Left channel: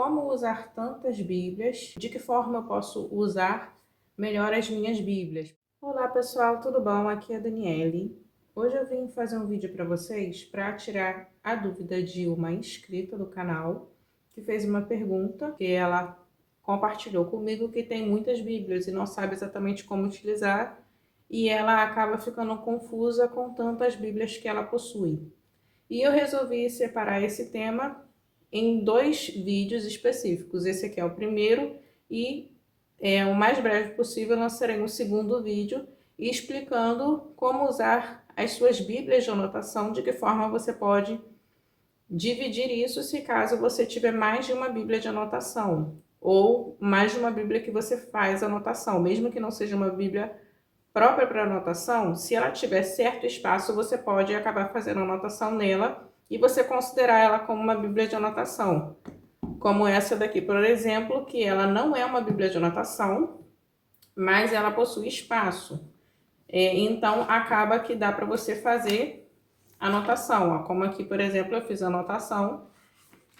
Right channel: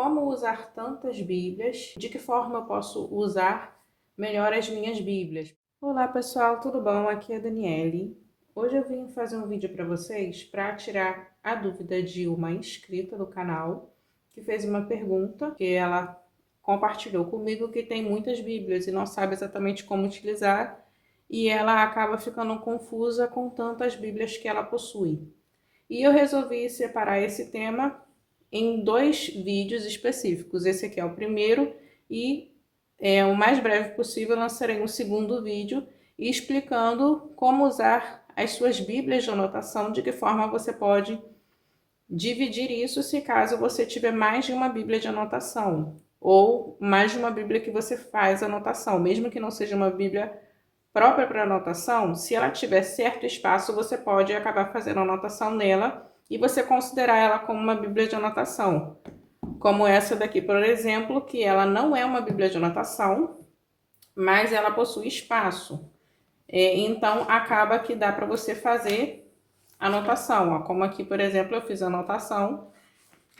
Como usar tantas Bíblias? De que forma eu posso usar melhor as minhas Bíblias? Olá pessoal, tudo bom? Aqui é a Daniele. Hoje eu vim fazer um vídeo para vocês para tirar a dúvida de uma inscrita do canal que fez uma pergunta que ela compartilhou comigo que tem muitas Bíblias e não sabe exatamente como utilizar e ela acaba ficando confusa com tantas Bíblias que ela possui. E eu resolvi separar esse tema em dois vídeos específicos. Esse aqui é o primeiro e o mais breve possível lançarei um segundo vídeo explicando como usar as suas bíblias de anotação, de que forma você pode dividir isso se caso você tiver mais de uma bíblia de anotação ou mais de uma bíblia que você faz anotação, mesmo que não seja uma bíblia própria para anotação, se ela tiver certo espaço, você pode acabar fazendo anotação nela e você considerar ela como uma bíblia de anotação. Como essa daqui, por exemplo, que ela não é uma bíblia de anotação, mas ela possui espaço. Então, acaba que dá para você fazer anotação. Ó. Como aqui, por exemplo, eu fiz anotação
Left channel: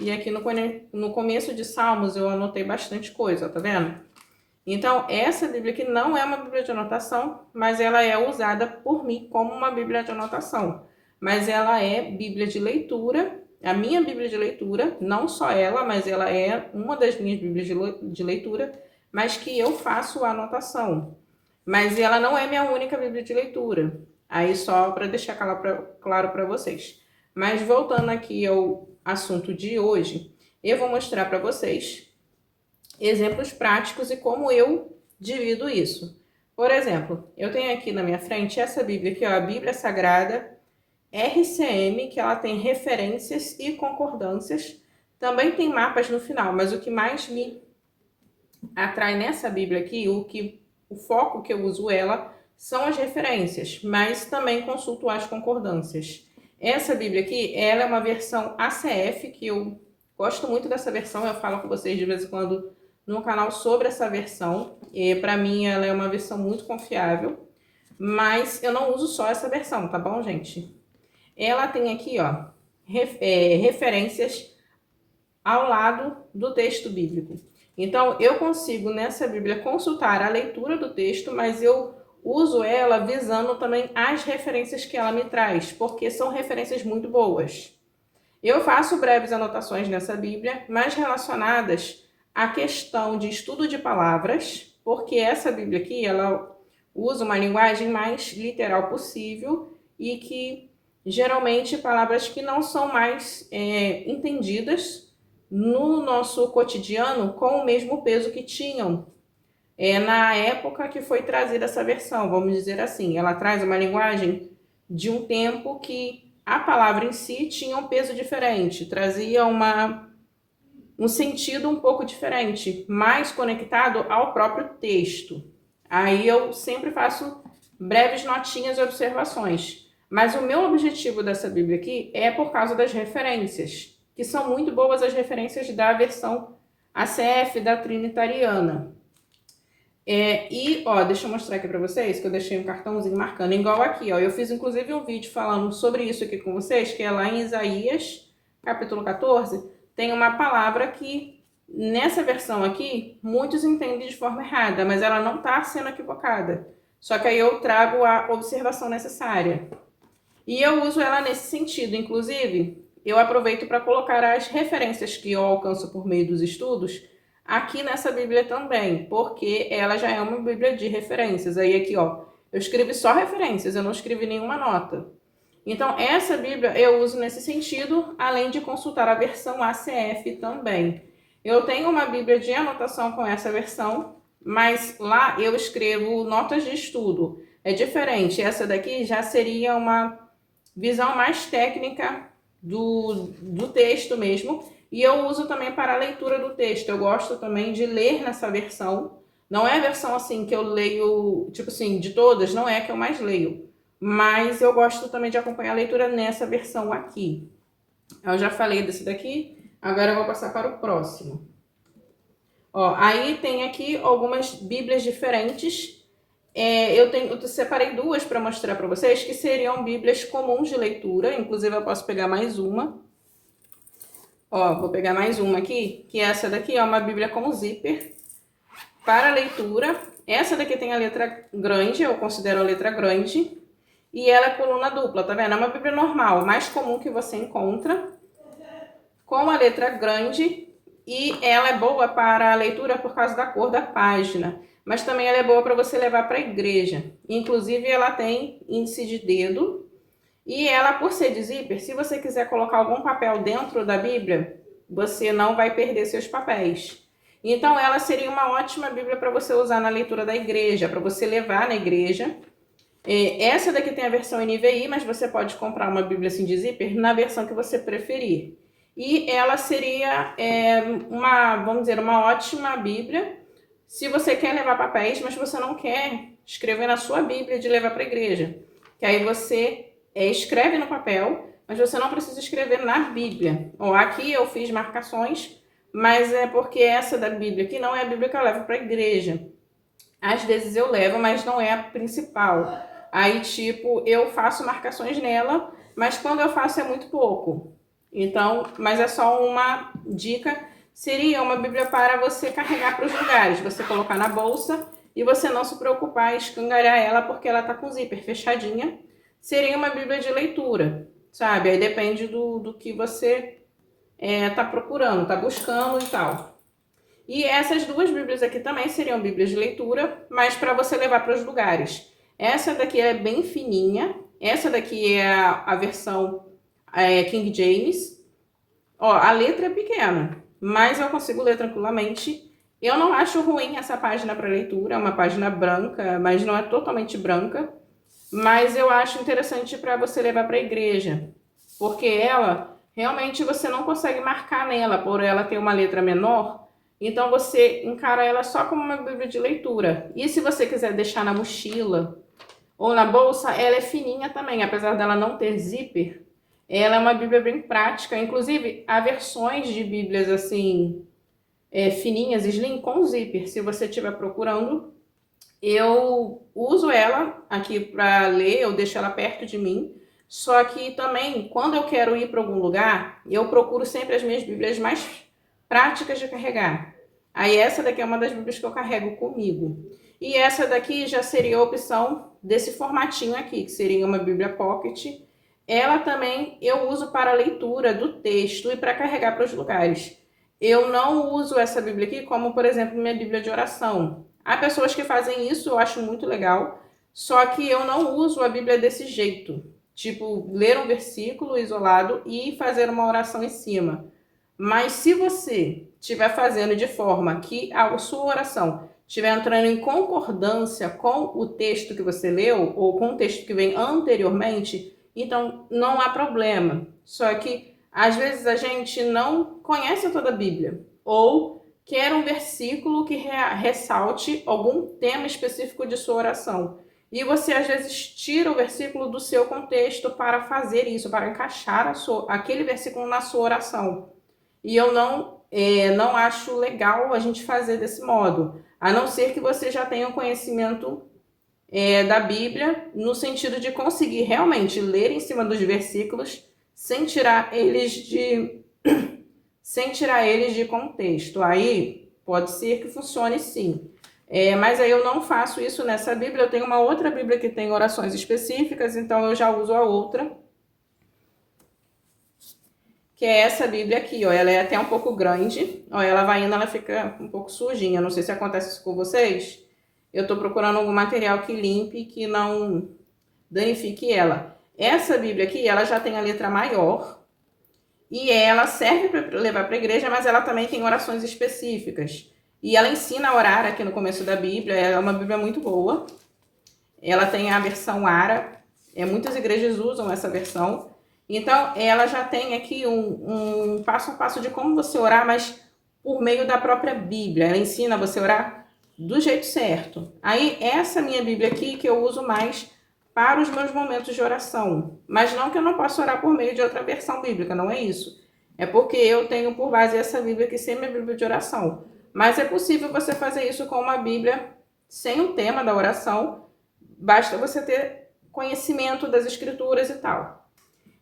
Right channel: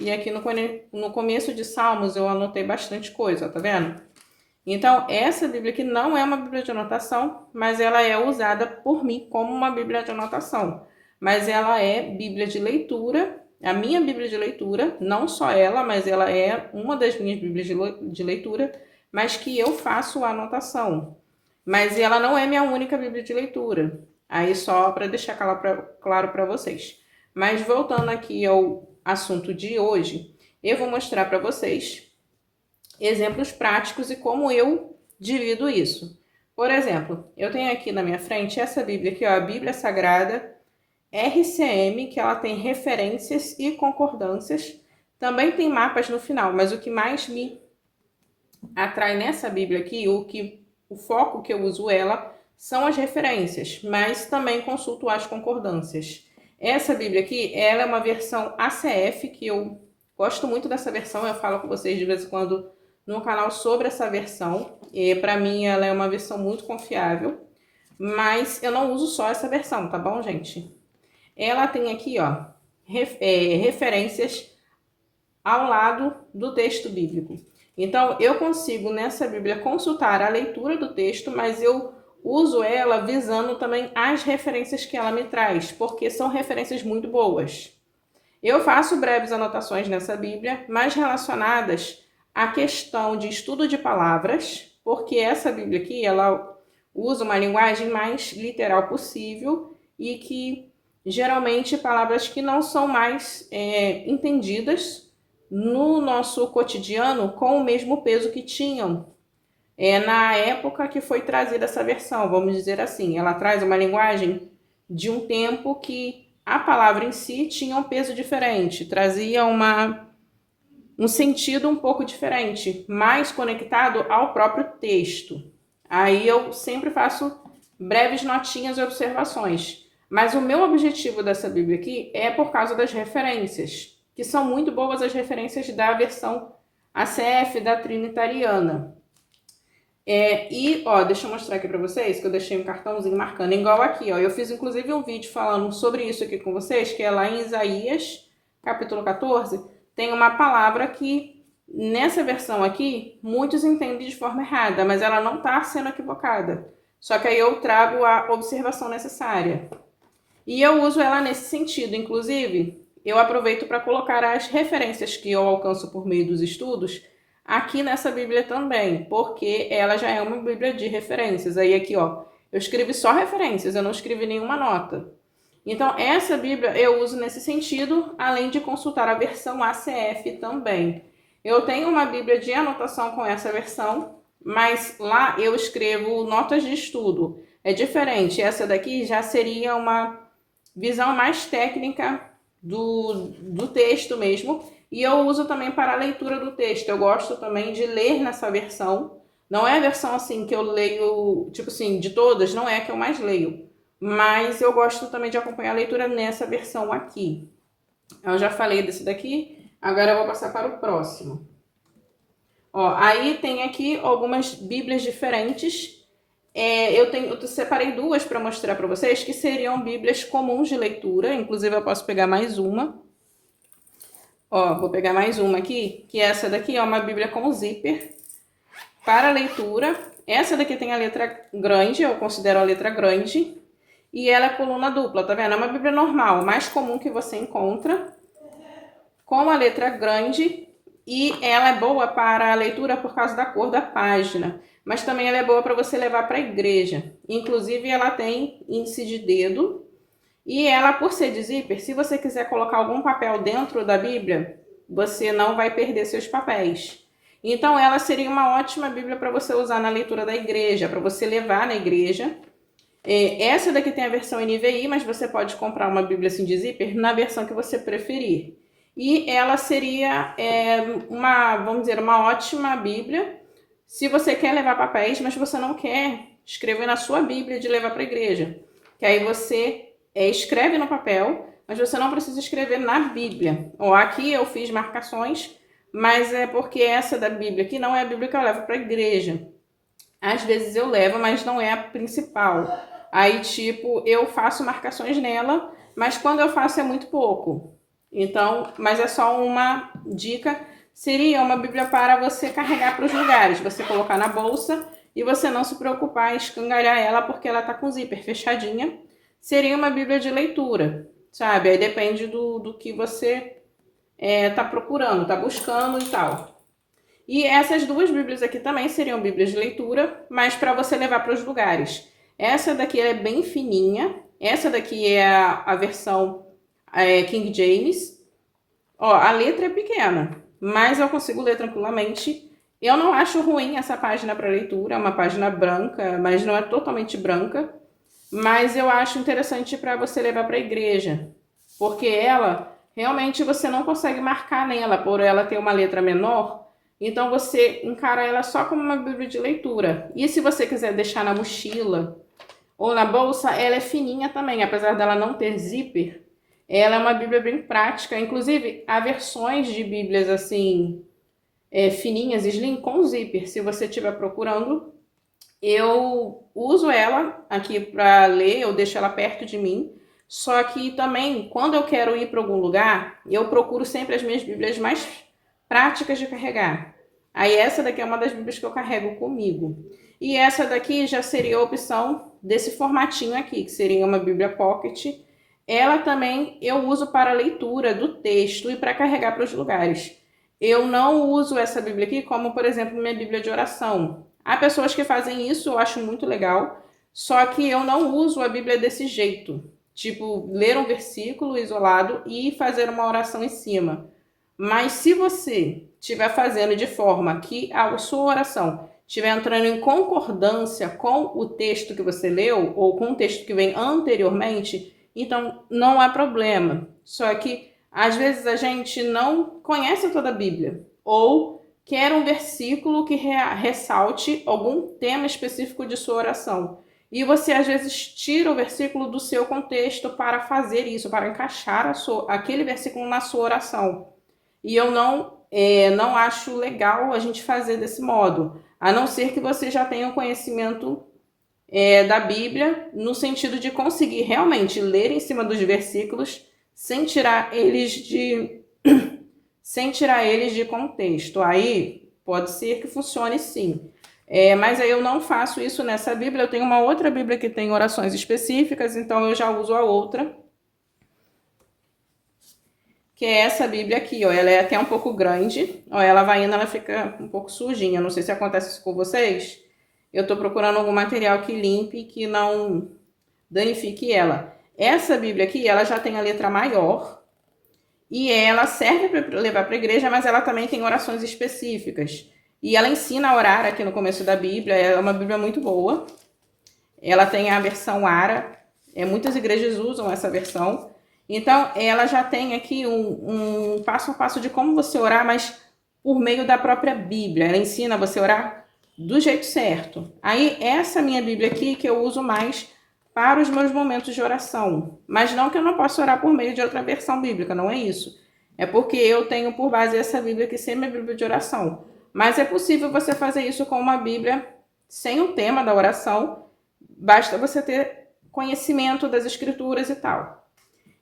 e aqui no começo de Salmos eu anotei bastante coisa, tá vendo? Então, essa Bíblia aqui não é uma Bíblia de anotação, mas ela é usada por mim como uma Bíblia de anotação. Mas ela é Bíblia de leitura, a minha Bíblia de leitura, não só ela, mas ela é uma das minhas Bíblias de leitura, mas que eu faço a anotação. Mas ela não é minha única Bíblia de leitura. Aí só para deixar claro para vocês. Mas voltando aqui ao assunto de hoje, eu vou mostrar para vocês exemplos práticos e como eu divido isso. Por exemplo, eu tenho aqui na minha frente essa Bíblia aqui, ó, a Bíblia Sagrada RCM, que ela tem referências e concordâncias. Também tem mapas no final, mas o que mais me atrai nessa Bíblia aqui, o foco que eu uso ela, são as referências, mas também consulto as concordâncias. Essa Bíblia aqui, ela é uma versão ACF, que eu gosto muito dessa versão, eu falo com vocês de vez em quando no canal sobre essa versão, e para mim ela é uma versão muito confiável, mas eu não uso só essa versão, tá bom, gente? Ela tem aqui, ó, referências ao lado do texto bíblico. Então, eu consigo nessa Bíblia consultar a leitura do texto, mas eu uso ela visando também as referências que ela me traz, porque são referências muito boas. Eu faço breves anotações nessa Bíblia, mais relacionadas à questão de estudo de palavras, porque essa Bíblia aqui, ela usa uma linguagem mais literal possível e que geralmente palavras que não são mais entendidas no nosso cotidiano com o mesmo peso que tinham na época que foi trazida essa versão, vamos dizer assim. Ela traz uma linguagem de um tempo que a palavra em si tinha um peso diferente, trazia um sentido um pouco diferente, mais conectado ao próprio texto. Aí eu sempre faço breves notinhas e observações. Mas o meu objetivo dessa Bíblia aqui é por causa das referências, que são muito boas as referências da versão ACF da Trinitariana. Deixa eu mostrar aqui pra vocês, que eu deixei um cartãozinho marcando, igual aqui, ó. Eu fiz inclusive um vídeo falando sobre isso aqui com vocês, que é lá em Isaías, capítulo 14, tem uma palavra que, nessa versão aqui, muitos entendem de forma errada, mas ela não tá sendo equivocada. Só que aí eu trago a observação necessária. E eu uso ela nesse sentido, inclusive, eu aproveito para colocar as referências que eu alcanço por meio dos estudos, aqui nessa Bíblia também, porque ela já é uma Bíblia de referências. Aí aqui, ó, eu escrevi só referências, eu não escrevi nenhuma nota. Então, essa Bíblia eu uso nesse sentido, além de consultar a versão ACF também. Eu tenho uma Bíblia de anotação com essa versão, mas lá eu escrevo notas de estudo. É diferente, essa daqui já seria uma visão mais técnica do texto mesmo. E eu uso também para a leitura do texto. Eu gosto também de ler nessa versão. Não é a versão assim que eu leio, tipo assim, de todas, não é a que eu mais leio. Mas eu gosto também de acompanhar a leitura nessa versão aqui. Eu já falei desse daqui, agora eu vou passar para o próximo. Ó, aí tem aqui algumas bíblias diferentes. Eu separei duas para mostrar para vocês, que seriam bíblias comuns de leitura. Inclusive eu posso pegar mais uma. Ó, vou pegar mais uma aqui, que essa daqui é uma Bíblia com zíper para leitura. Essa daqui tem a letra grande, eu considero a letra grande, e ela é coluna dupla, tá vendo? É uma Bíblia normal, mais comum que você encontra, com a letra grande, e ela é boa para a leitura por causa da cor da página, mas também ela é boa para você levar para a igreja. Inclusive ela tem índice de dedo, e ela, por ser de zíper, se você quiser colocar algum papel dentro da Bíblia, você não vai perder seus papéis. Então ela seria uma ótima Bíblia para você usar na leitura da igreja, para você levar na igreja. Essa daqui tem a versão NVI, mas você pode comprar uma Bíblia assim de zíper na versão que você preferir. E ela seria vamos dizer, uma ótima Bíblia se você quer levar papéis, mas você não quer escrever na sua Bíblia de levar para a igreja. Que aí você escreve no papel, mas você não precisa escrever na Bíblia. Ó, aqui eu fiz marcações, mas é porque essa da Bíblia aqui não é a Bíblia que eu levo para a igreja. Às vezes eu levo, mas não é a principal. Aí, tipo, eu faço marcações nela, mas quando eu faço é muito pouco. Então, mas é só uma dica. Seria uma Bíblia para você carregar para os lugares, você colocar na bolsa e você não se preocupar em escangalhar ela porque ela tá com zíper fechadinha. Seria uma Bíblia de leitura, sabe? Aí depende do que você tá procurando, tá buscando e tal. E essas duas Bíblias aqui também seriam Bíblias de leitura, mas para você levar para os lugares. Essa daqui é bem fininha, essa daqui é a versão King James. Ó, a letra é pequena, mas eu consigo ler tranquilamente. Eu não acho ruim essa página para leitura, é uma página branca, mas não é totalmente branca. Mas eu acho interessante para você levar para a igreja, porque ela realmente você não consegue marcar nela, por ela ter uma letra menor. Então você encara ela só como uma Bíblia de leitura. E se você quiser deixar na mochila ou na bolsa, ela é fininha também, apesar dela não ter zíper. Ela é uma Bíblia bem prática. Inclusive, há versões de Bíblias assim, fininhas, slim, com zíper. Se você estiver procurando, eu uso ela aqui para ler, eu deixo ela perto de mim. Só que também, quando eu quero ir para algum lugar, eu procuro sempre as minhas Bíblias mais práticas de carregar. Aí essa daqui é uma das Bíblias que eu carrego comigo. E essa daqui já seria a opção desse formatinho aqui, que seria uma Bíblia Pocket. Ela também eu uso para leitura do texto e para carregar para os lugares. Eu não uso essa Bíblia aqui como, por exemplo, minha Bíblia de oração. Há pessoas que fazem isso, eu acho muito legal, só que eu não uso a Bíblia desse jeito. Tipo, ler um versículo isolado e fazer uma oração em cima. Mas se você estiver fazendo de forma que a sua oração estiver entrando em concordância com o texto que você leu, ou com o texto que vem anteriormente, então não há problema. Só que às vezes a gente não conhece toda a Bíblia, ou quer um versículo que ressalte algum tema específico de sua oração. E você às vezes tira o versículo do seu contexto para fazer isso, para encaixar aquele versículo na sua oração. E eu não acho legal a gente fazer desse modo, a não ser que você já tenha o conhecimento da Bíblia, no sentido de conseguir realmente ler em cima dos versículos sem tirar eles de contexto. Aí pode ser que funcione sim. Mas aí eu não faço isso nessa Bíblia. Eu tenho uma outra Bíblia que tem orações específicas, então eu já uso a outra, que é essa Bíblia aqui, ó. Ela é até um pouco grande. Ó, ela vai indo, ela fica um pouco sujinha. Não sei se acontece isso com vocês. Eu tô procurando algum material que limpe, que não danifique ela. Essa Bíblia aqui, ela já tem a letra maior e ela serve para levar para a igreja, mas ela também tem orações específicas. E ela ensina a orar aqui no começo da Bíblia. É uma Bíblia muito boa. Ela tem a versão ARA. Muitas igrejas usam essa versão. Então, ela já tem aqui um passo a passo de como você orar, mas por meio da própria Bíblia. Ela ensina você a orar do jeito certo. Aí, essa minha Bíblia aqui, que eu uso mais para os meus momentos de oração. Mas não que eu não possa orar por meio de outra versão bíblica, não é isso. É porque eu tenho por base essa Bíblia que ser minha Bíblia de oração. Mas é possível você fazer isso com uma Bíblia sem o tema da oração. Basta você ter conhecimento das escrituras e tal.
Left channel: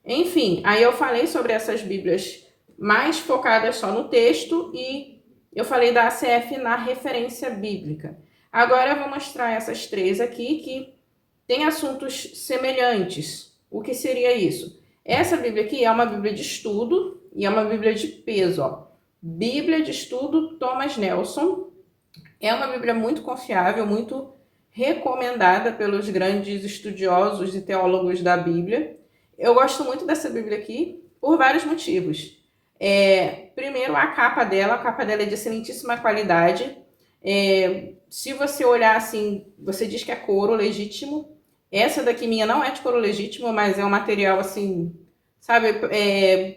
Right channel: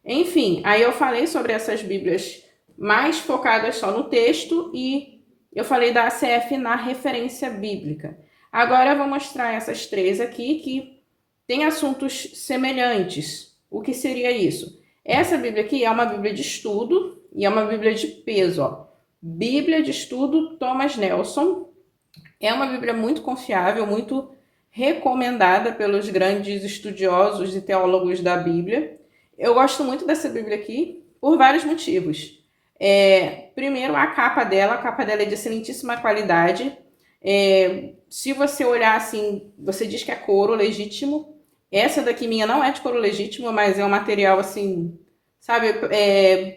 Enfim, aí eu falei sobre essas Bíblias mais focadas só no texto, e eu falei da ACF na referência bíblica. Agora eu vou mostrar essas três aqui que têm assuntos semelhantes. O que seria isso? Essa Bíblia aqui é uma Bíblia de estudo e é uma Bíblia de peso, ó. Bíblia de Estudo Thomas Nelson. É uma Bíblia muito confiável, muito recomendada pelos grandes estudiosos e teólogos da Bíblia. Eu gosto muito dessa Bíblia aqui por vários motivos. Primeiro, a capa dela é de excelentíssima qualidade. Se você olhar assim, você diz que é couro legítimo. Essa daqui minha não é de couro legítimo, mas é um material assim, sabe,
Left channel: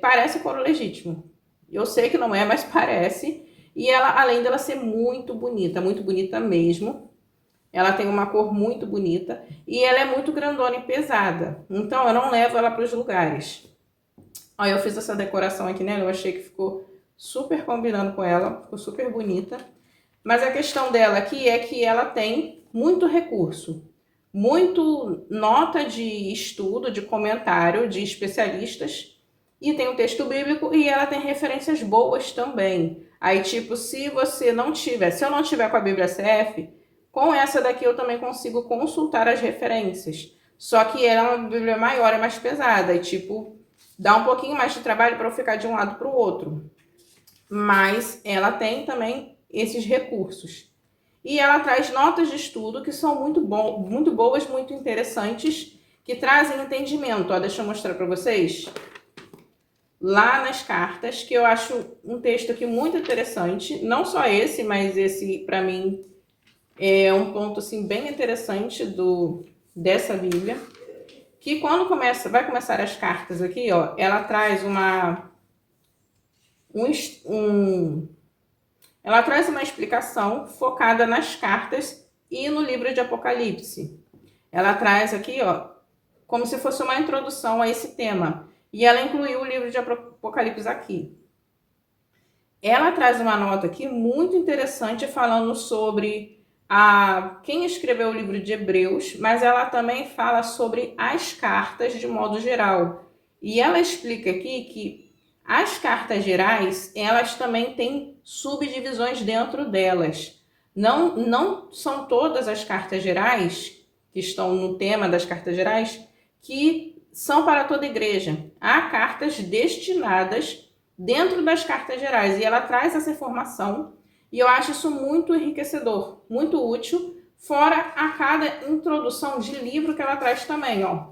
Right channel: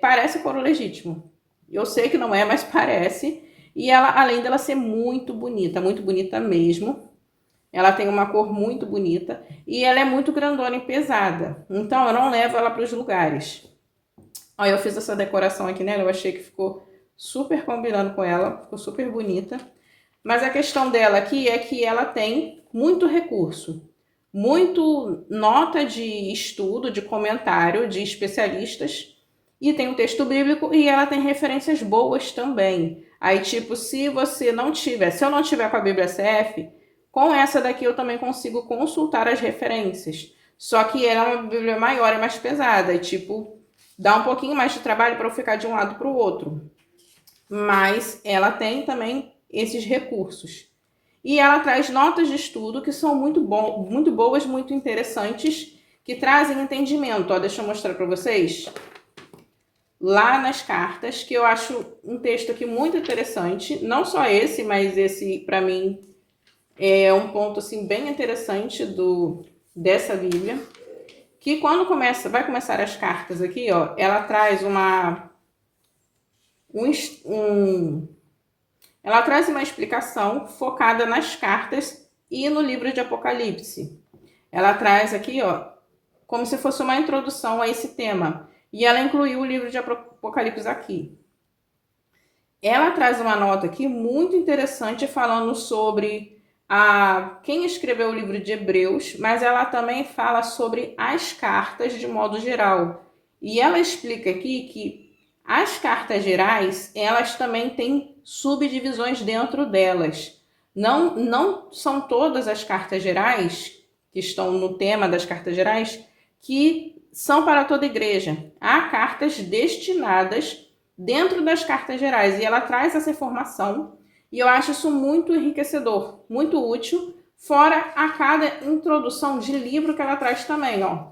parece couro legítimo. Eu sei que não é, mas parece. E ela, além dela ser muito bonita mesmo, ela tem uma cor muito bonita e ela é muito grandona e pesada. Então eu não levo ela para os lugares. Olha, eu fiz essa decoração aqui nela, eu achei que ficou super combinando com ela, ficou super bonita. Mas a questão dela aqui é que ela tem muito recurso, muito nota de estudo, de comentário de especialistas, e tem um texto bíblico e ela tem referências boas também. Aí, tipo, se eu não tiver com a Bíblia CF, com essa daqui eu também consigo consultar as referências. Só que ela é uma Bíblia maior e mais pesada, e tipo, dá um pouquinho mais de trabalho para eu ficar de um lado para o outro. Mas ela tem também esses recursos. E ela traz notas de estudo que são muito boas, muito interessantes, que trazem entendimento. Ó, deixa eu mostrar para vocês. Lá nas cartas, que eu acho um texto aqui muito interessante. Não só esse, mas esse, para mim, é um ponto assim, bem interessante dessa Bíblia. Que quando vai começar as cartas aqui, ó, ela traz ela traz uma explicação focada nas cartas e no livro de Apocalipse. Ela traz aqui, ó, como se fosse uma introdução a esse tema. E ela incluiu o livro de Apocalipse aqui. Ela traz uma nota aqui muito interessante falando sobre quem escreveu o livro de Hebreus, mas ela também fala sobre as cartas de modo geral. E ela explica aqui que as cartas gerais, elas também têm subdivisões dentro delas. Não são todas as cartas gerais, que estão no tema das cartas gerais, que são para toda igreja. Há cartas destinadas dentro das cartas gerais, e ela traz essa informação, e eu acho isso muito enriquecedor, muito útil, fora a cada introdução de livro que ela traz também, ó.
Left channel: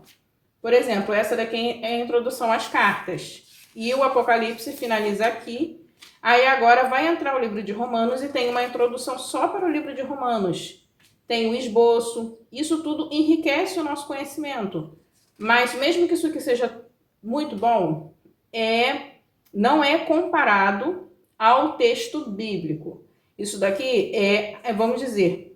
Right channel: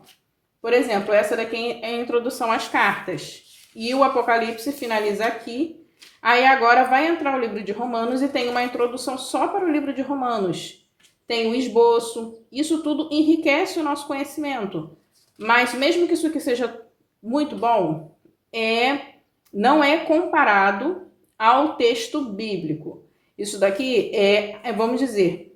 Por exemplo, essa daqui é a introdução às cartas, e o Apocalipse finaliza aqui. Aí agora vai entrar o livro de Romanos e tem uma introdução só para o livro de Romanos. Tem um esboço, isso tudo enriquece o nosso conhecimento. Mas mesmo que isso aqui seja muito bom, não é comparado ao texto bíblico. Isso daqui vamos dizer,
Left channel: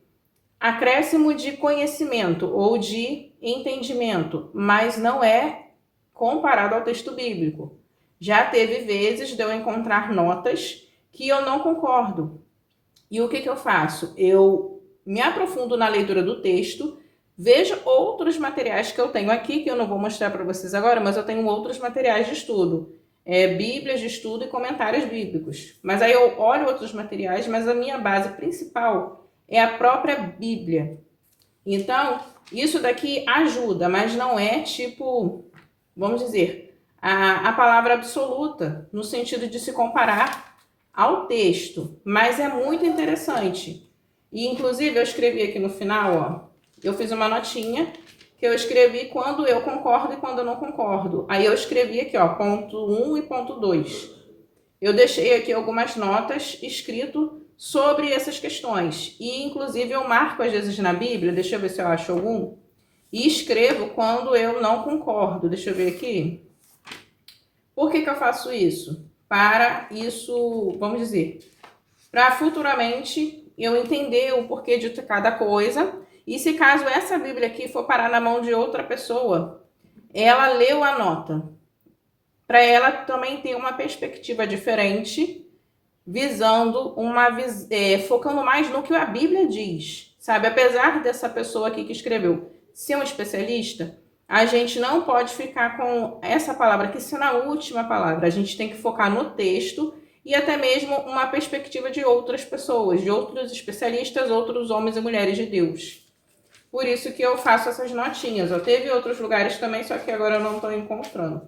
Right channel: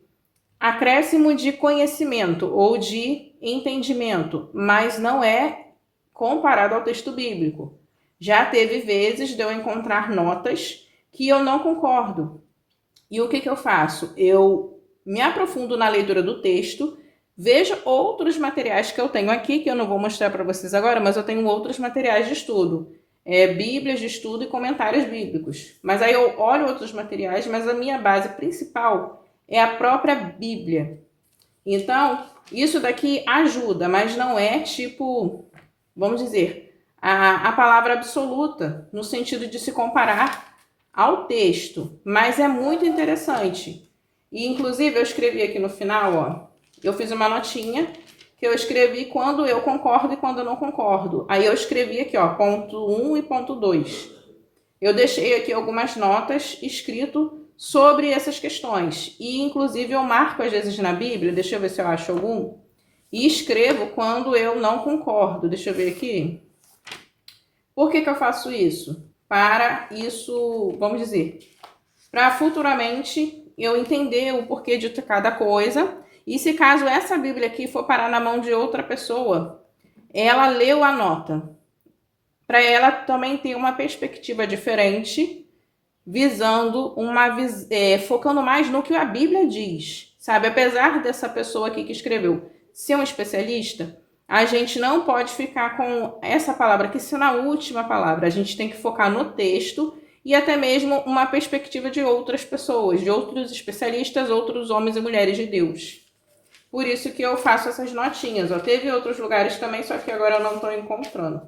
acréscimo de conhecimento ou de entendimento, mas não é comparado ao texto bíblico. Já teve vezes de eu encontrar notas que eu não concordo. E o que eu faço? Eu me aprofundo na leitura do texto, vejo outros materiais que eu tenho aqui, que eu não vou mostrar para vocês agora, mas eu tenho outros materiais de estudo. Bíblias de estudo e comentários bíblicos. Mas aí eu olho outros materiais, mas a minha base principal é a própria Bíblia. Então, isso daqui ajuda, mas não é tipo, vamos dizer, a palavra absoluta, no sentido de se comparar ao texto. Mas é muito interessante. E, inclusive, eu escrevi aqui no final, ó, eu fiz uma notinha que eu escrevi quando eu concordo e quando eu não concordo. Aí eu escrevi aqui, ó, ponto 1 e ponto 2. Eu deixei aqui algumas notas escrito sobre essas questões. E, inclusive, eu marco às vezes na Bíblia, deixa eu ver se eu acho algum, e escrevo quando eu não concordo. Deixa eu ver aqui. Por que eu faço isso? Para isso, vamos dizer, para futuramente eu entender o porquê de cada coisa. E se caso essa Bíblia aqui for parar na mão de outra pessoa, ela leu a nota, para ela também ter uma perspectiva diferente, visando focando mais no que a Bíblia diz, sabe? Apesar dessa pessoa aqui que escreveu ser um especialista, a gente não pode ficar com essa palavra aqui sendo a última palavra. A gente tem que focar no texto e até mesmo uma perspectiva de outras pessoas, de outros especialistas, outros homens e mulheres de Deus. Por isso que eu faço essas notinhas. Ó. Teve outros lugares também, só que agora eu não estou encontrando.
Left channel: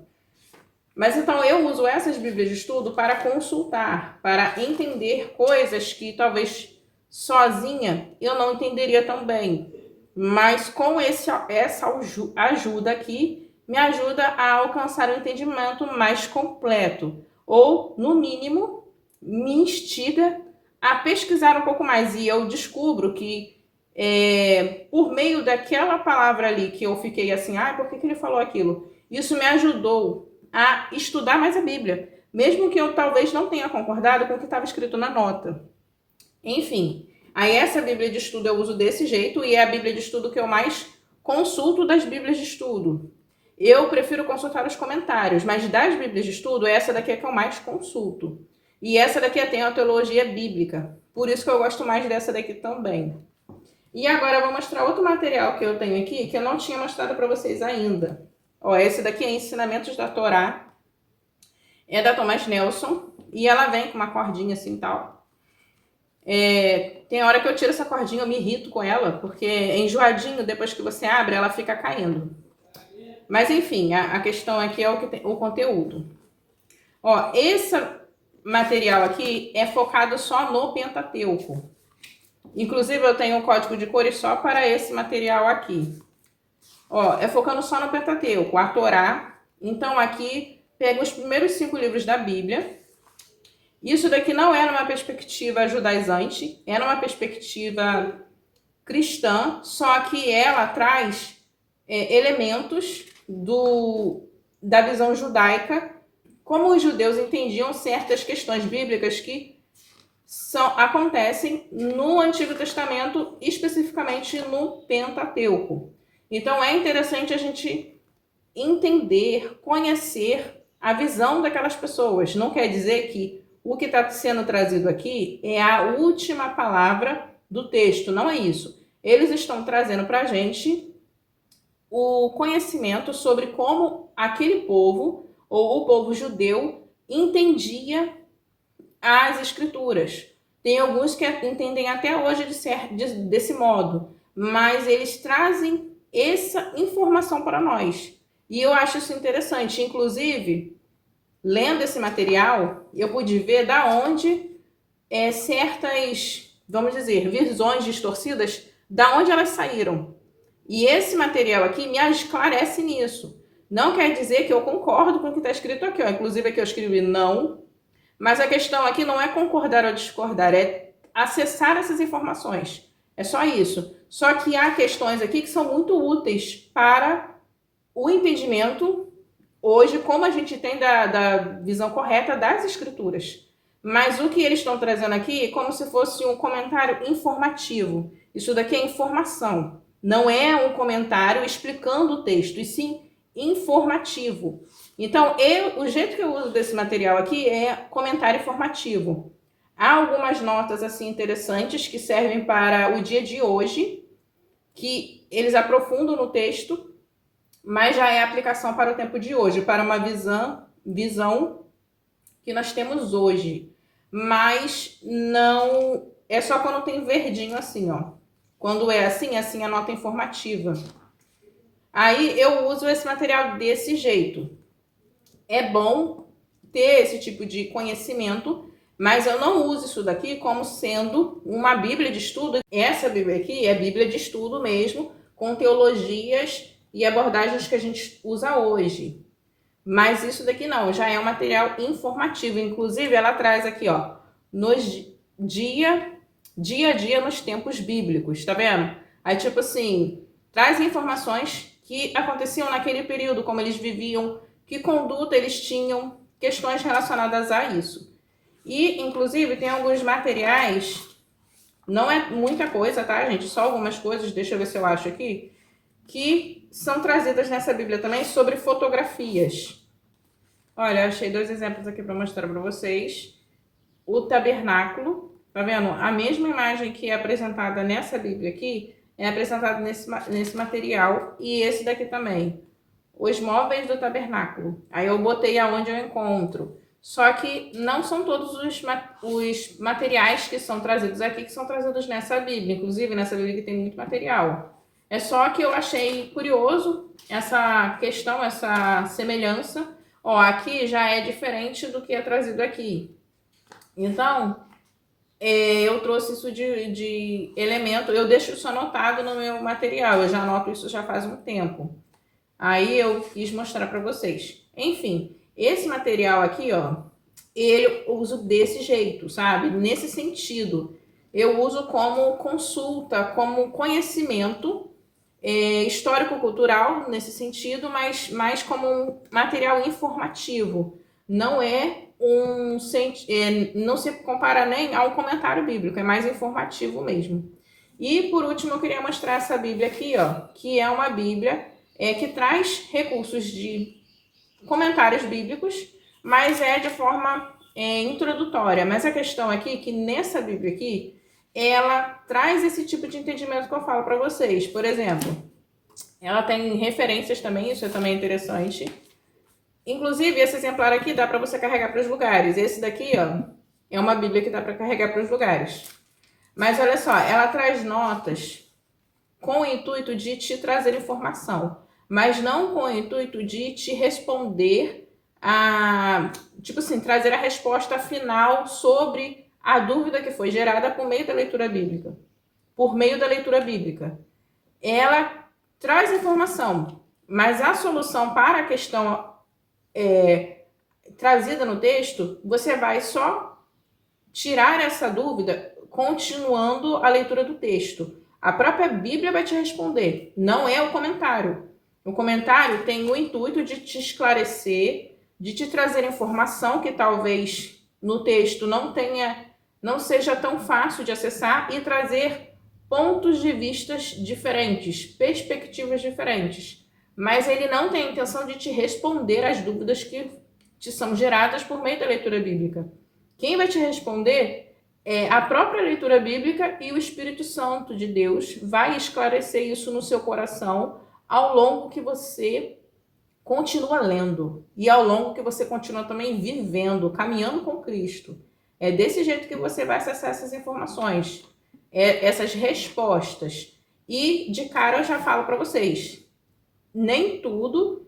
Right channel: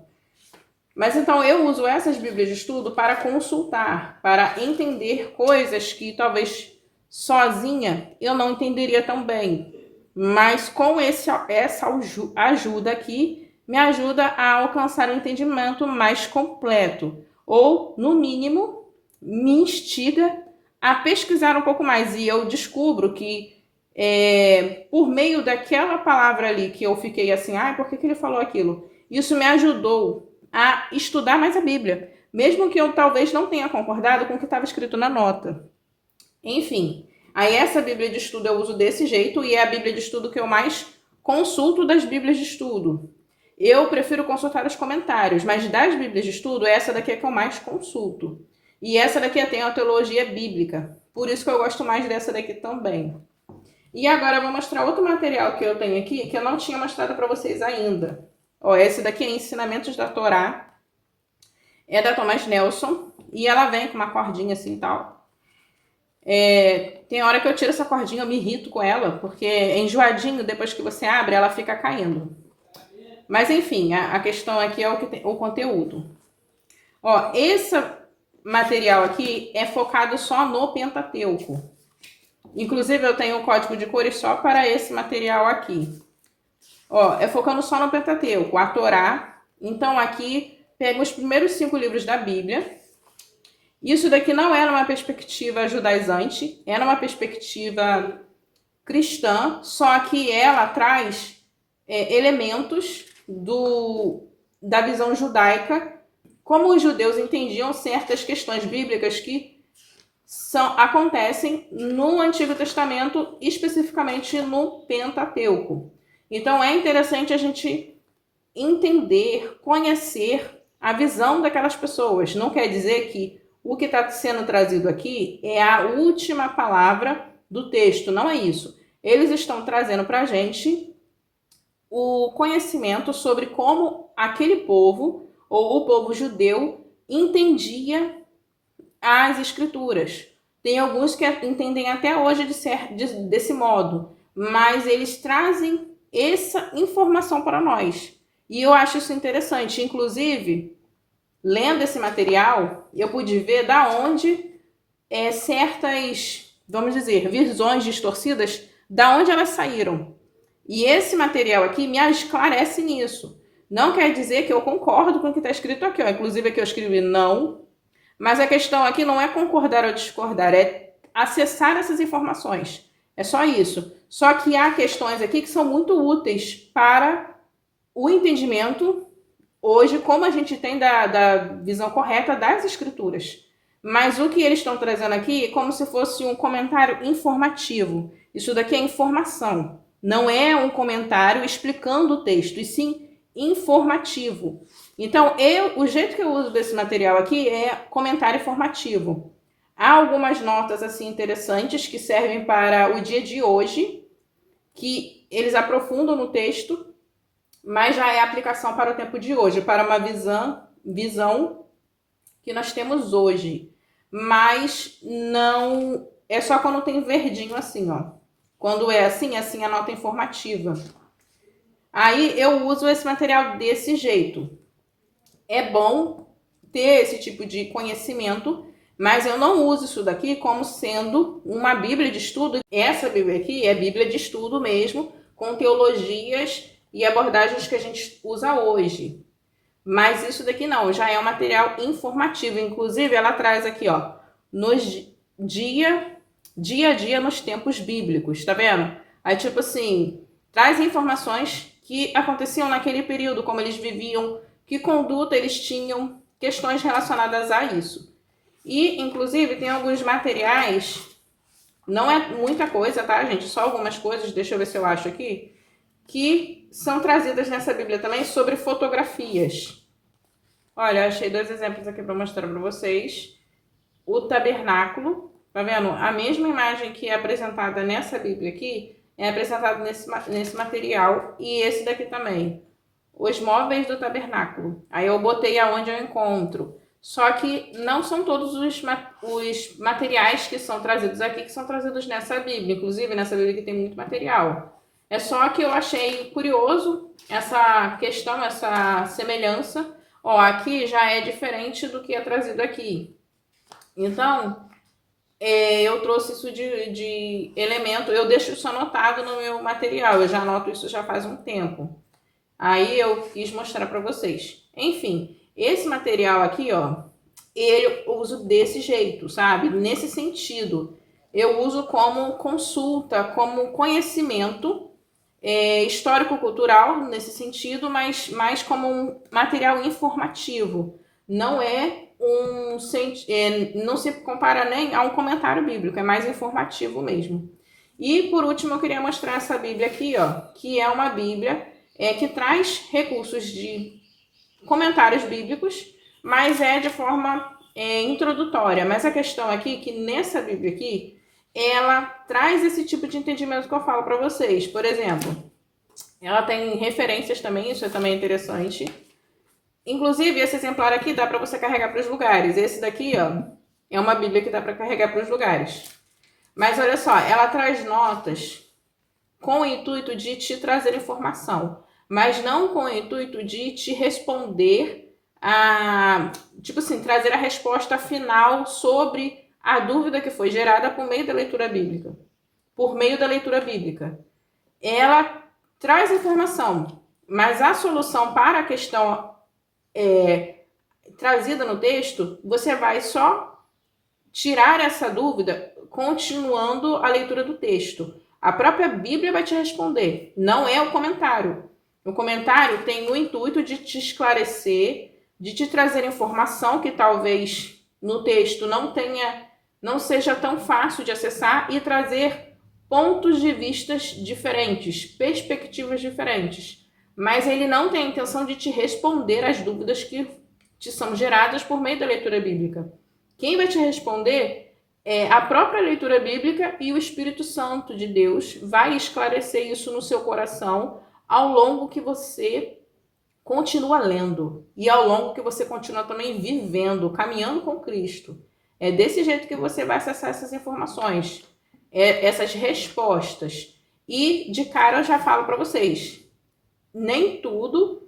Mas então eu uso essas Bíblias de estudo para consultar, para entender coisas que talvez sozinha eu não entenderia tão bem. Mas com essa ajuda aqui, me ajuda a alcançar um entendimento mais completo. Ou, no mínimo, me instiga a pesquisar um pouco mais. E eu descubro que, por meio daquela palavra ali, que eu fiquei assim, por que ele falou aquilo? Isso me ajudou a estudar mais a Bíblia. Mesmo que eu talvez não tenha concordado com o que estava escrito na nota. Enfim, aí essa Bíblia de estudo eu uso desse jeito e é a Bíblia de estudo que eu mais consulto das Bíblias de estudo. Eu prefiro consultar os comentários, mas das Bíblias de estudo, essa daqui é que eu mais consulto. E essa daqui tem a teologia bíblica, por isso que eu gosto mais dessa daqui também. E agora eu vou mostrar outro material que eu tenho aqui, que eu não tinha mostrado para vocês ainda. Ó, esse daqui é Ensinamentos da Torá, é da Thomas Nelson, e ela vem com uma cordinha assim e tal. Tem hora que eu tiro essa cordinha, eu me irrito com ela, porque é enjoadinho, depois que você abre, ela fica caindo. Mas enfim, a questão aqui é o conteúdo. Ó, esse material aqui é focado só no Pentateuco. Inclusive eu tenho um código de cores só para esse material aqui. Ó, é focando só no Pentateuco, a Torá. Então aqui pega os primeiros 5 livros da Bíblia. Isso daqui não era uma perspectiva judaizante, era uma perspectiva cristã, só que ela traz elementos da visão judaica, como os judeus entendiam certas questões bíblicas que acontecem no Antigo Testamento, especificamente no Pentateuco. Então é interessante a gente entender, conhecer a visão daquelas pessoas. Não quer dizer que o que está sendo trazido aqui é a última palavra do texto, não é isso. Eles estão trazendo para a gente o conhecimento sobre como aquele povo, ou o povo judeu, entendia as escrituras. Tem alguns que entendem até hoje desse modo, mas eles trazem essa informação para nós. E eu acho isso interessante. Inclusive, lendo esse material, eu pude ver da onde certas, vamos dizer, visões distorcidas, da onde elas saíram. E esse material aqui me esclarece nisso. Não quer dizer que eu concordo com o que está escrito aqui. Ó. Inclusive aqui eu escrevi não, mas a questão aqui não é concordar ou discordar, é acessar essas informações. É só isso. Só que há questões aqui que são muito úteis para o entendimento hoje, como a gente tem da visão correta das escrituras. Mas o que eles estão trazendo aqui é como se fosse um comentário informativo. Isso daqui é informação. Não é um comentário explicando o texto, e sim informativo. Então, o jeito que eu uso desse material aqui é comentário informativo. Há algumas notas assim interessantes que servem para o dia de hoje, que eles aprofundam no texto, mas já é aplicação para o tempo de hoje, para uma visão que nós temos hoje. Mas não é só quando tem verdinho assim, ó. Quando é assim a nota informativa. Aí eu uso esse material desse jeito. É bom ter esse tipo de conhecimento, mas eu não uso isso daqui como sendo uma Bíblia de estudo. Essa Bíblia aqui é Bíblia de estudo mesmo, com teologias e abordagens que a gente usa hoje. Mas isso daqui não, já é um material informativo. Inclusive, ela traz aqui, ó, dia a dia nos tempos bíblicos, tá vendo? Aí, tipo assim, traz informações que aconteciam naquele período, como eles viviam, que conduta eles tinham, questões relacionadas a isso. E, inclusive, tem alguns materiais, não é muita coisa, tá, gente? Só algumas coisas, deixa eu ver se eu acho aqui, que são trazidas nessa Bíblia também sobre fotografias. Olha, eu achei 2 exemplos aqui para mostrar para vocês. O tabernáculo, tá vendo? A mesma imagem que é apresentada nessa Bíblia aqui, é apresentada nesse material, e esse daqui também. os móveis do tabernáculo. Aí eu botei aonde eu encontro. Só que não são todos os materiais que são trazidos aqui que são trazidos nessa Bíblia. Inclusive, nessa Bíblia que tem muito material. É só que eu achei curioso essa questão, essa semelhança. Ó, aqui já é diferente do que é trazido aqui. Então, eu trouxe isso de elemento. Eu deixo isso anotado no meu material. Eu já anoto isso já faz um tempo. Aí eu quis mostrar para vocês. Enfim, esse material aqui, ó, eu uso desse jeito, sabe? Nesse sentido. Eu uso como consulta, como conhecimento histórico-cultural, nesse sentido, mas mais como um material informativo. Não é não se compara nem a um comentário bíblico, é mais informativo mesmo. E por último, eu queria mostrar essa Bíblia aqui, ó, que é uma Bíblia que traz recursos de comentários bíblicos, mas é de forma introdutória. Mas a questão aqui é que nessa Bíblia aqui, ela traz esse tipo de entendimento que eu falo para vocês. Por exemplo, ela tem referências também, isso é também interessante. Inclusive, esse exemplar aqui dá para você carregar para os lugares. Esse daqui, ó, é uma Bíblia que dá para carregar para os lugares. Mas olha só, ela traz notas com o intuito de te trazer informação, mas não com o intuito de te responder tipo assim, trazer a resposta final sobre a dúvida que foi gerada por meio da leitura bíblica. Por meio da leitura bíblica. Ela traz informação, mas a solução para a questão trazida no texto, você vai só tirar essa dúvida continuando a leitura do texto. A própria Bíblia vai te responder, não é o comentário. O comentário tem o intuito de te esclarecer, de te trazer informação que talvez no texto não seja tão fácil de acessar e trazer pontos de vistas diferentes, perspectivas diferentes. Mas ele não tem a intenção de te responder às dúvidas que te são geradas por meio da leitura bíblica. Quem vai te responder é a própria leitura bíblica, e o Espírito Santo de Deus vai esclarecer isso no seu coração ao longo que você continua lendo e ao longo que você continua também vivendo, caminhando com Cristo. É desse jeito que você vai acessar essas informações, essas respostas. E de cara eu já falo para vocês, nem tudo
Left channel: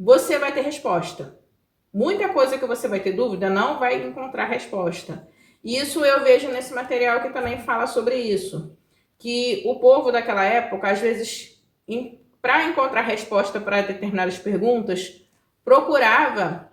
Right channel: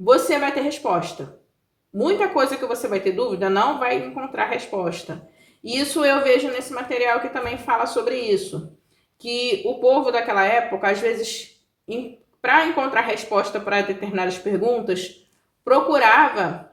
você vai ter resposta. Muita coisa que você vai ter dúvida não vai encontrar resposta. Isso eu vejo nesse material que também fala sobre isso. Que o povo daquela época, às vezes, para encontrar resposta para determinadas perguntas, procurava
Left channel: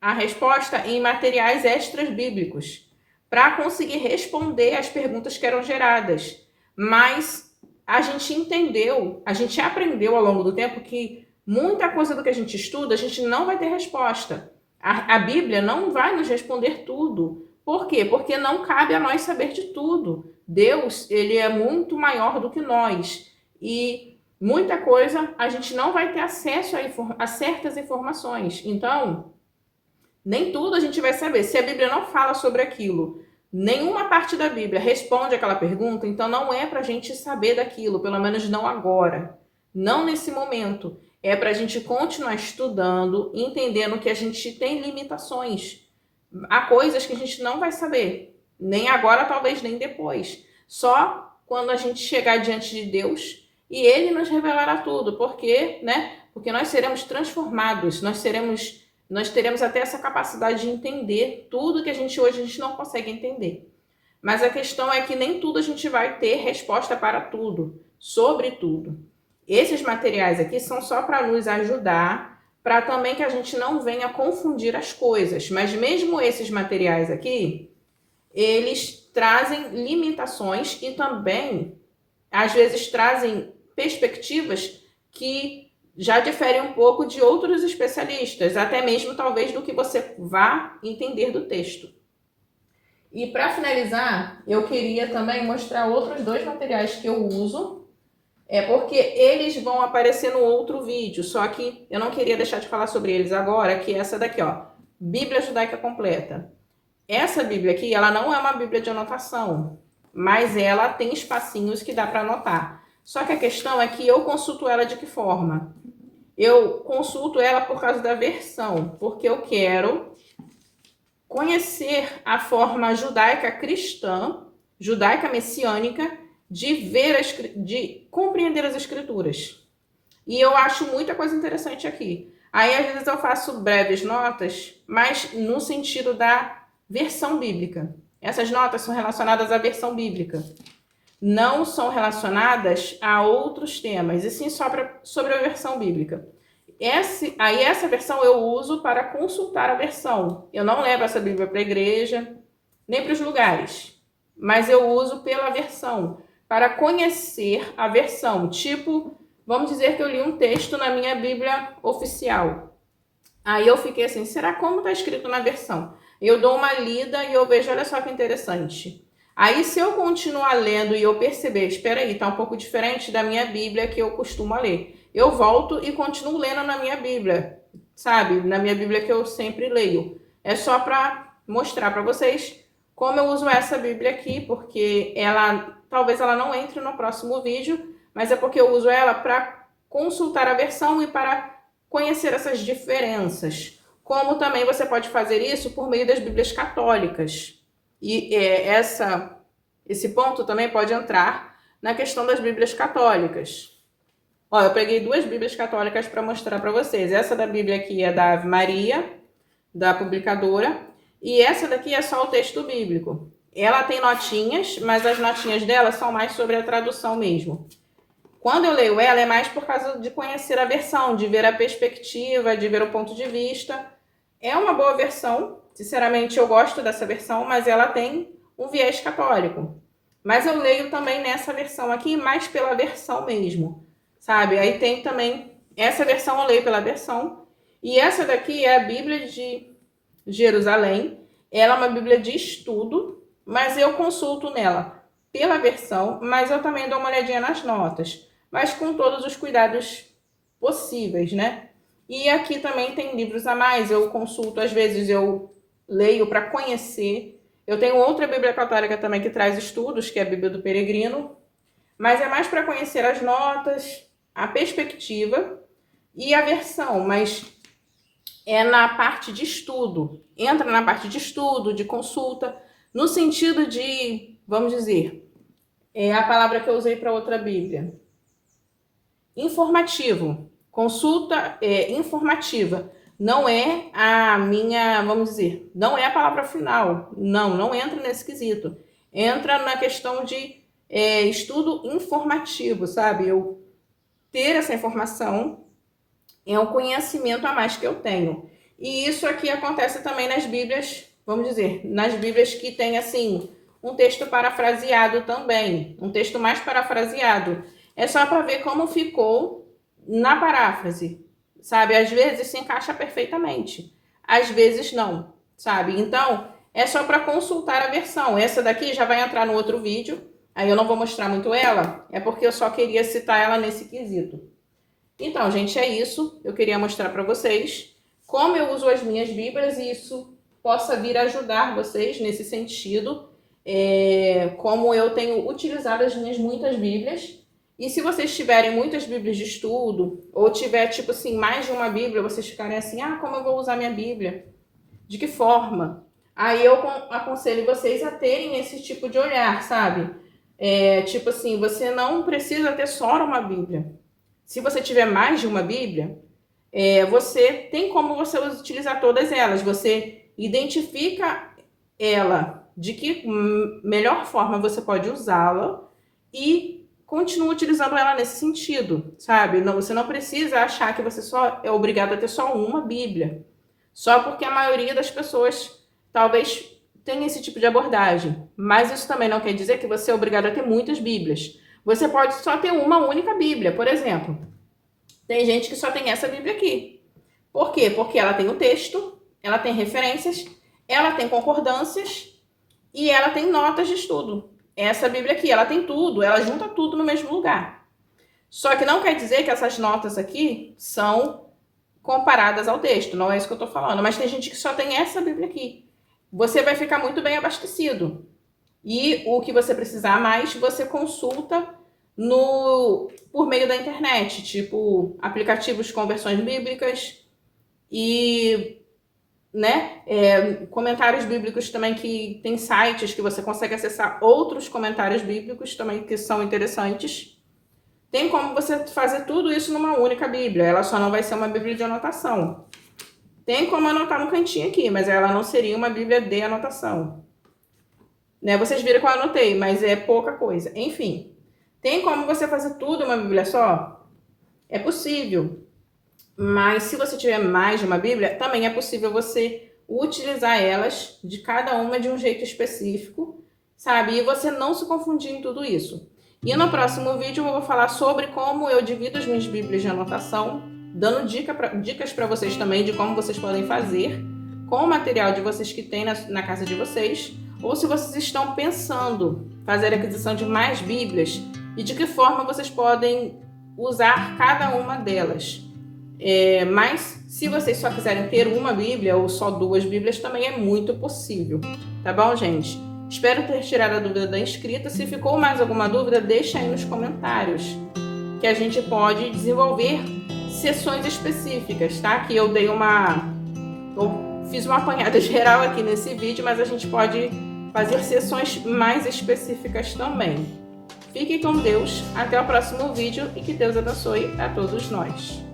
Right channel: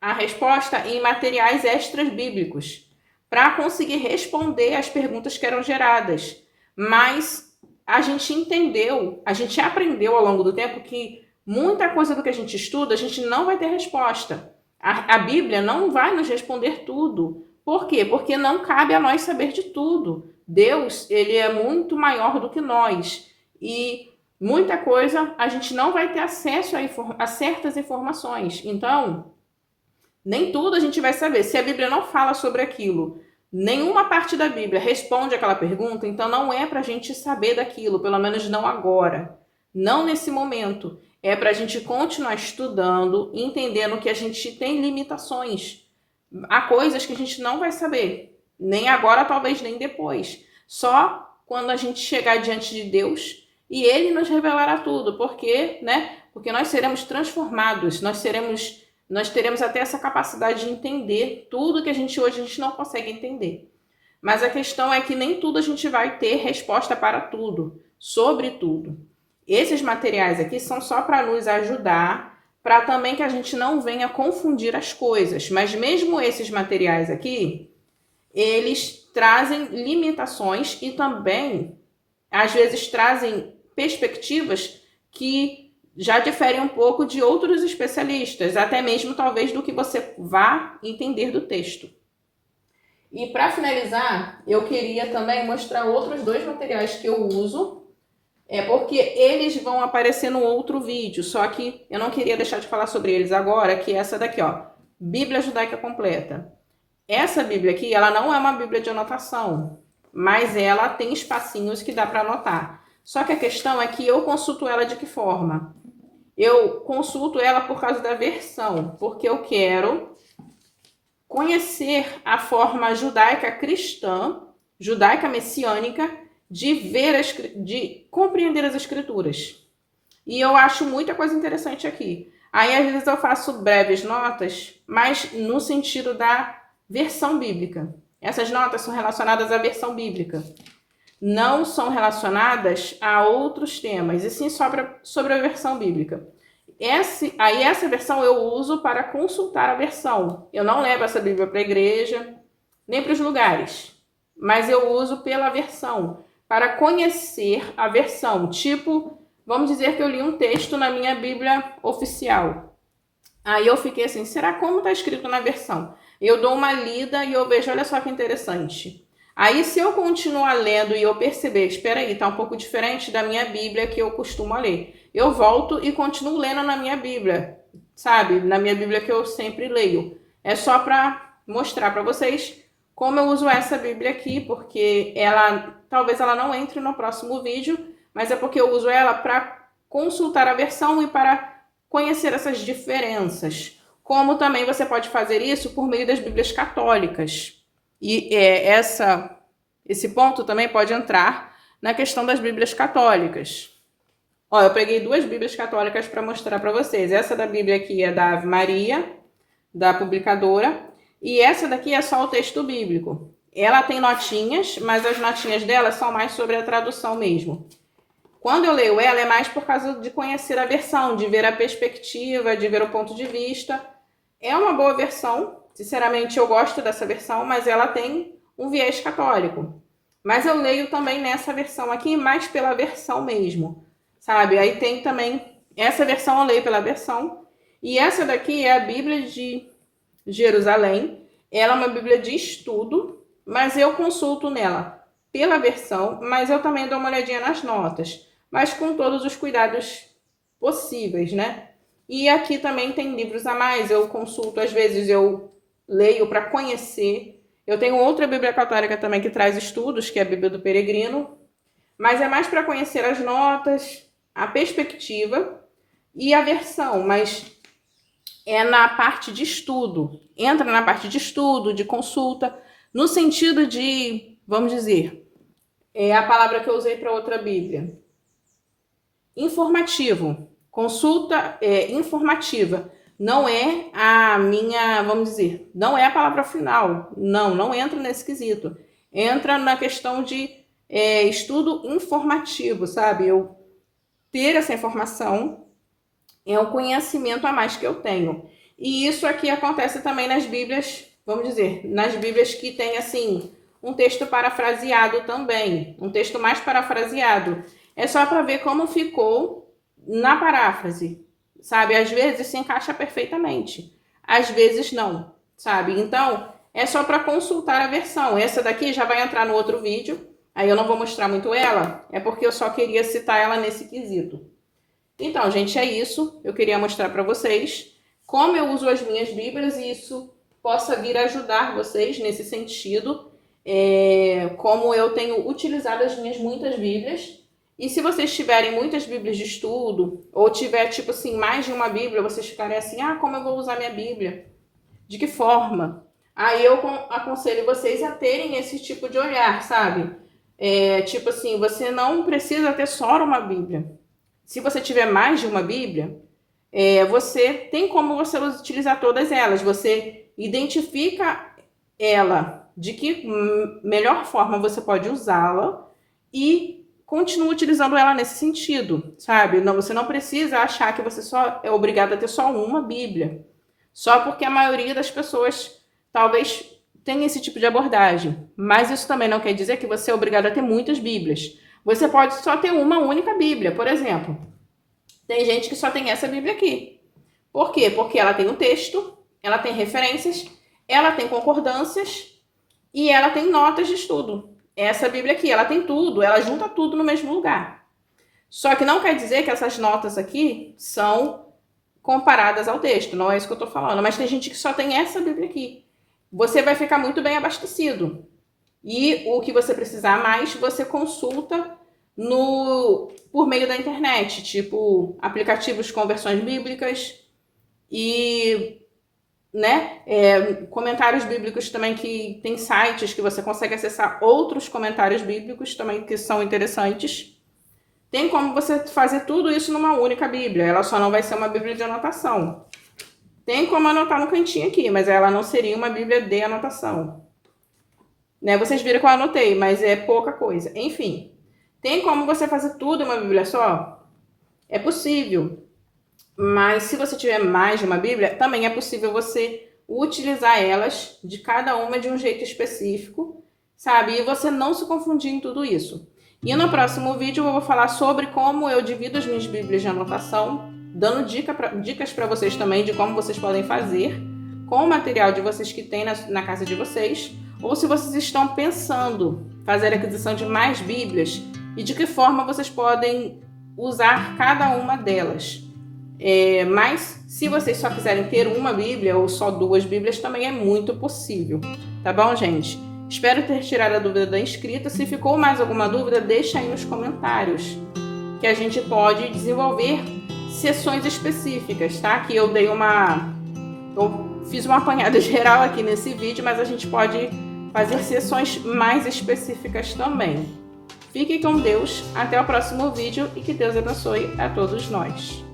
a resposta em materiais extras bíblicos para conseguir responder às perguntas que eram geradas. Mas a gente aprendeu ao longo do tempo que muita coisa do que a gente estuda, a gente não vai ter resposta. A Bíblia não vai nos responder tudo. Por quê? Porque não cabe a nós saber de tudo. Deus, ele é muito maior do que nós. E muita coisa a gente não vai ter acesso a certas informações. Então, nem tudo a gente vai saber. Se a Bíblia não fala sobre aquilo, nenhuma parte da Bíblia responde aquela pergunta, então não é para a gente saber daquilo, pelo menos não agora. Não nesse momento. É para a gente continuar estudando, entendendo que a gente tem limitações. Há coisas que a gente não vai saber, nem agora, talvez nem depois. Só quando a gente chegar diante de Deus e Ele nos revelará tudo. Porque, né? Porque nós seremos transformados, nós teremos até essa capacidade de entender tudo que hoje a gente não consegue entender. Mas a questão é que nem tudo a gente vai ter resposta para tudo, sobre tudo. Esses materiais aqui são só para nos ajudar, para também que a gente não venha confundir as coisas. Mas mesmo esses materiais aqui, eles trazem limitações e também, às vezes, trazem perspectivas que já diferem um pouco de outros especialistas, até mesmo talvez do que você vá entender do texto. E para finalizar, eu queria também mostrar outros dois materiais que eu uso, porque eles vão aparecer no outro vídeo, só que eu não queria deixar de falar sobre eles agora, que é essa daqui, ó, Bíblia Judaica Completa. Essa Bíblia aqui, ela não é uma Bíblia de anotação, mas ela tem espacinhos que dá para anotar. Só que a questão é que eu consulto ela de que forma? eu consulto ela por causa da versão, porque eu quero conhecer a forma judaica cristã, judaica messiânica, de ver, de compreender as escrituras. E eu acho muita coisa interessante aqui. Aí, às vezes, eu faço breves notas, mas no sentido da versão bíblica. Essas notas são relacionadas à versão bíblica. Não são relacionadas a outros temas, e sim sobre a versão bíblica. Essa versão eu uso para consultar a versão. Eu não levo essa Bíblia para a igreja, nem para os lugares, mas eu uso pela versão, para conhecer a versão. Tipo, vamos dizer que eu li um texto na minha Bíblia oficial. Aí eu fiquei assim, será como está escrito na versão? Eu dou uma lida e eu vejo, olha só que interessante. Aí se eu continuar lendo e eu perceber, espera aí, está um pouco diferente da minha Bíblia que eu costumo ler. Eu volto e continuo lendo na minha Bíblia, sabe? Na minha Bíblia que eu sempre leio. É só para mostrar para vocês como eu uso essa Bíblia aqui, porque talvez ela não entre no próximo vídeo, mas é porque eu uso ela para consultar a versão e para conhecer essas diferenças. Como também você pode fazer isso por meio das Bíblias católicas. E esse ponto também pode entrar na questão das Bíblias católicas. Ó, eu peguei 2 Bíblias católicas para mostrar para vocês. Essa da Bíblia aqui é da Ave Maria, da publicadora, e essa daqui é só o texto bíblico. Ela tem notinhas, mas as notinhas dela são mais sobre a tradução mesmo. Quando eu leio ela, é mais por causa de conhecer a versão, de ver a perspectiva, de ver o ponto de vista. É uma boa versão, sinceramente eu gosto dessa versão, mas ela tem um viés católico. Mas eu leio também nessa versão aqui, mais pela versão mesmo, sabe? Aí tem também, essa versão eu leio pela versão, e essa daqui é a Bíblia de Jerusalém. Ela é uma Bíblia de estudo, mas eu consulto nela pela versão, mas eu também dou uma olhadinha nas notas, mas com todos os cuidados possíveis, né? E aqui também tem livros a mais, eu consulto, às vezes eu leio para conhecer. Eu tenho outra Bíblia católica também que traz estudos, que é a Bíblia do Peregrino, mas é mais para conhecer as notas, a perspectiva e a versão, mas é na parte de estudo. Entra na parte de estudo, de consulta, no sentido de, vamos dizer, é a palavra que eu usei para outra Bíblia. Informativo. Consulta informativa. Não é a minha, vamos dizer, não é a palavra final. Não entra nesse quesito. Entra na questão de estudo informativo, sabe? Eu ter essa informação é um conhecimento a mais que eu tenho. E isso aqui acontece também nas Bíblias, vamos dizer, nas Bíblias que tem assim um texto parafraseado também, um texto mais parafraseado. É só para ver como ficou na paráfrase, sabe? Às vezes se encaixa perfeitamente, às vezes não, sabe? Então, é só para consultar a versão. Essa daqui já vai entrar no outro vídeo, aí eu não vou mostrar muito ela, é porque eu só queria citar ela nesse quesito. Então, gente, é isso. Eu queria mostrar para vocês como eu uso as minhas Bíblias e isso possa vir a ajudar vocês nesse sentido, como eu tenho utilizado as minhas muitas Bíblias. E se vocês tiverem muitas Bíblias de estudo, ou tiver, tipo assim, mais de uma Bíblia, vocês ficarem assim, como eu vou usar minha Bíblia? De que forma? Aí eu aconselho vocês a terem esse tipo de olhar, sabe? Tipo assim, você não precisa ter só uma Bíblia. Se você tiver mais de uma Bíblia, você tem como você utilizar todas elas. Você identifica ela, de que melhor forma você pode usá-la e continua utilizando ela nesse sentido, sabe? Não, você não precisa achar que você só é obrigado a ter só uma Bíblia, só porque a maioria das pessoas talvez tenha esse tipo de abordagem. Mas isso também não quer dizer que você é obrigado a ter muitas Bíblias. Você pode só ter uma única Bíblia, por exemplo. Tem gente que só tem essa Bíblia aqui. Por quê? Porque ela tem o texto, ela tem referências, ela tem concordâncias e ela tem notas de estudo. Essa Bíblia aqui, ela tem tudo, ela junta tudo no mesmo lugar. Só que não quer dizer que essas notas aqui são comparadas ao texto, não é isso que eu estou falando. Mas tem gente que só tem essa Bíblia aqui. Você vai ficar muito bem abastecido. E o que você precisar mais, você consulta por meio da internet, tipo aplicativos com versões bíblicas e comentários bíblicos também, que tem sites que você consegue acessar outros comentários bíblicos também que são interessantes. Tem como você fazer tudo isso numa única Bíblia, ela só não vai ser uma Bíblia de anotação. Tem como anotar no cantinho aqui, mas ela não seria uma Bíblia de anotação. Vocês viram que eu anotei, mas é pouca coisa. Enfim, tem como você fazer tudo em uma Bíblia só? É possível. Mas se você tiver mais de uma Bíblia, também é possível você utilizar elas de cada uma de um jeito específico, sabe? E você não se confundir em tudo isso. E no próximo vídeo eu vou falar sobre como eu divido as minhas Bíblias de anotação, dando dicas para vocês também de como vocês podem fazer com o material de vocês que tem na casa de vocês, ou se vocês estão pensando fazer a aquisição de mais Bíblias e de que forma vocês podem usar cada uma delas. Mas se vocês só quiserem ter uma Bíblia ou só 2 Bíblias, também é muito possível, tá bom, gente? Espero ter tirado a dúvida da inscrita. Se ficou mais alguma dúvida, deixa aí nos comentários, que a gente pode desenvolver sessões específicas, tá? Que eu fiz uma apanhada geral aqui nesse vídeo, mas a gente pode fazer sessões mais específicas também. Fiquem com Deus, até o próximo vídeo e que Deus abençoe a todos nós.